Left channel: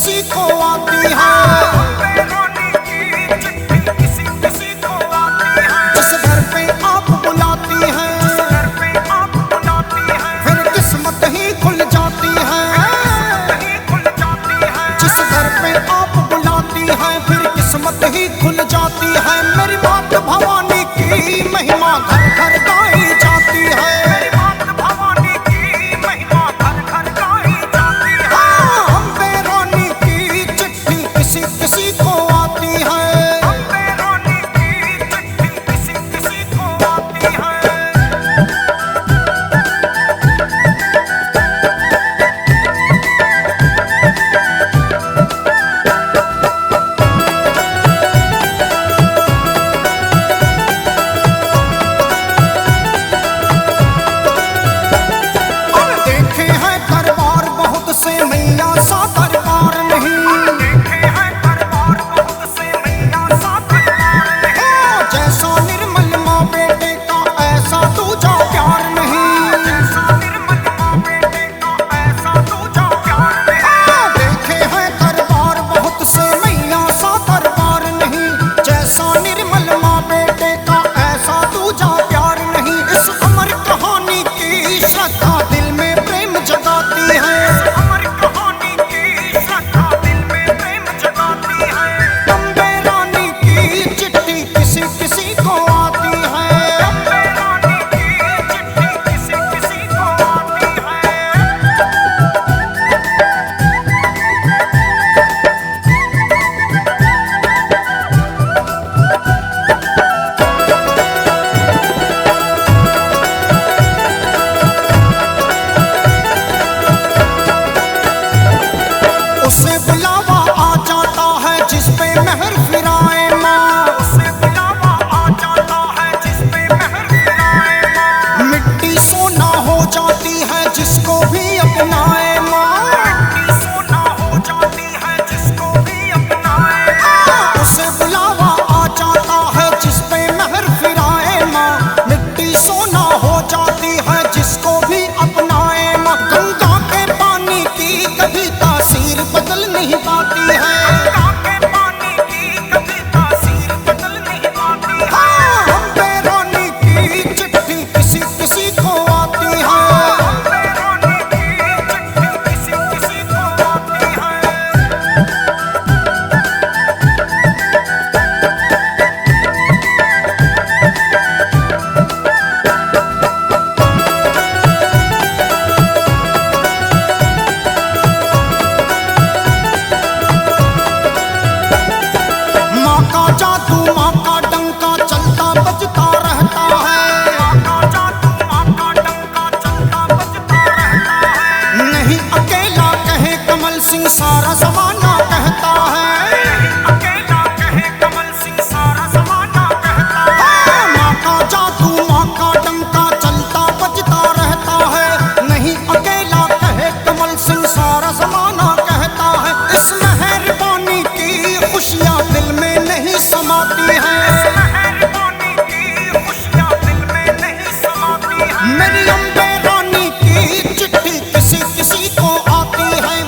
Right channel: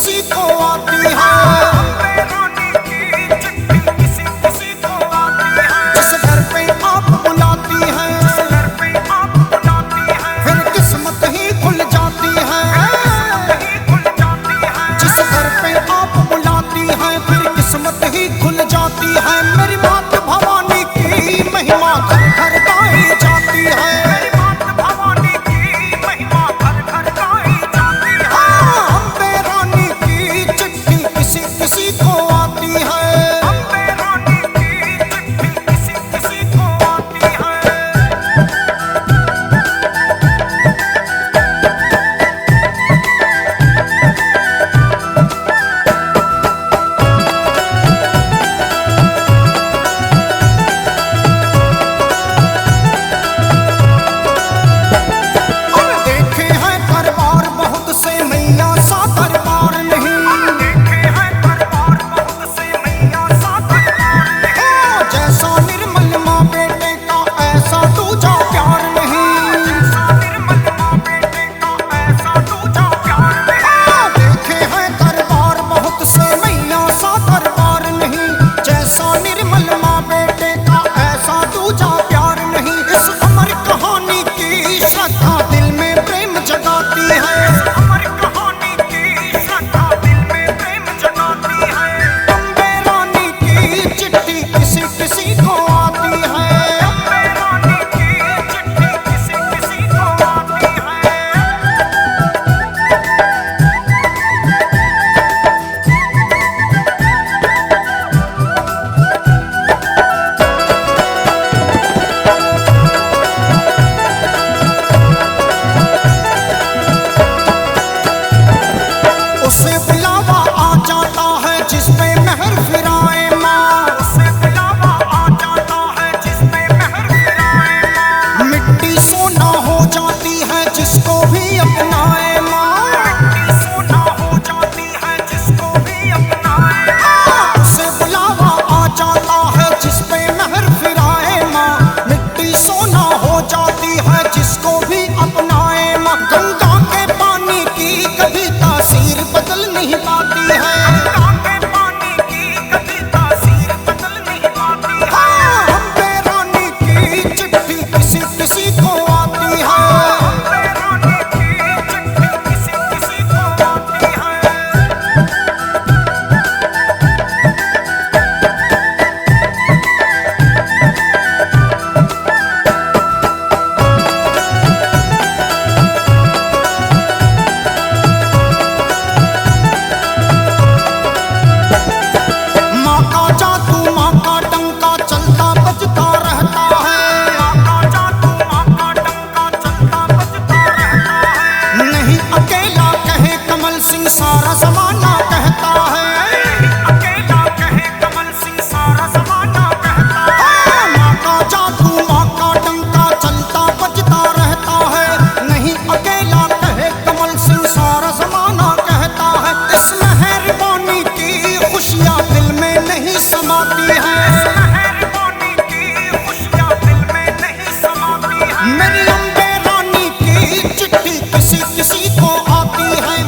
किसी को आती है। अम्बे रानी की चिट्ठी किसी किसी को आती है। जिस घर पे आप बुलाती हैं, जिस घर पे आप बुलाती हैं, फिर किस्मत ही खुल जाती है। किस्मत ही खुल जाती है। जिस घर पे आप बुलाती हैं, फिर किस्मत ही खुल जाती है। मेरी मात भवानी की महिमा घर घर गाई जाती है। मेरी मात भवानी की महिमा घर घर गाई जाती है। अम्बे रानी की चिट्ठी किसी किसी को आती है। अम्बे रानी की चिट्ठी किसी किसी को आती है। से मैया सा दरबार नहीं, देखे हैं दरबार बहुत से मैया सा दरबार नहीं। जैसा निर्मल माँ बेटे का ऐसा दूजा प्यार नहीं। जैसा निर्मल माँ बेटे का ऐसा दूजा प्यार नहीं। देखे हैं दरबार बहुत से मैया सा दरबार नहीं। जैसा निर्मल माँ बेटे का ऐसा दूजा प्यार नहीं। इस अमर कहानी की श्रद्धा दिल में प्रेम जगाती है। किसी किसी को आती है। अम्बे रानी की चिट्ठी किसी किसी को आती है। उसे बुलावा आ जाता है जिस पे मेहर फिराए माँ। उसे बुलावा आ जाता है जिस पे मेहर फिराए माँ। मिट्टी सोना हो जाती है जिसको भी अपनाए माँ। मिट्टी सोना हो जाती है जिसको भी अपनाए माँ। उसे बुलावा आ जाता है जिस पे मेहर फिराए माँ। मिट्टी सोना हो जाती है जिसको भी अपनाए माँ। गंगा के पानी की कभी तासीर बदल नहीं पाती है। गंगा के पानी की कभी तासीर बदल नहीं पाती है। अम्बे रानी की चिट्ठी किसी किसी को आती है। अम्बे रानी की चिट्ठी किसी किसी को आती है। जादू माँ का डंका चलता बजता रहता है। माँ का जादू माँ का डंका चलता बजता रहता है। नहीं अकेला कहे कमल सिंह सारा जमाना कहता है। नहीं अकेला कहे कमल सिंह सारा जमाना कहता है। माँ का जादू माँ का डंका चलता बजता रहता है। नहीं अकेला कहे कमल सिंह सारा जमाना कहता है। इस मेहरबानी की खुशियाँ दिल में नहीं समाती है। इस मेहरबानी की खुशियाँ दिल में नहीं समाती है। मेरी अम्बे रानी की चिट्ठी किसी किसी को आती है।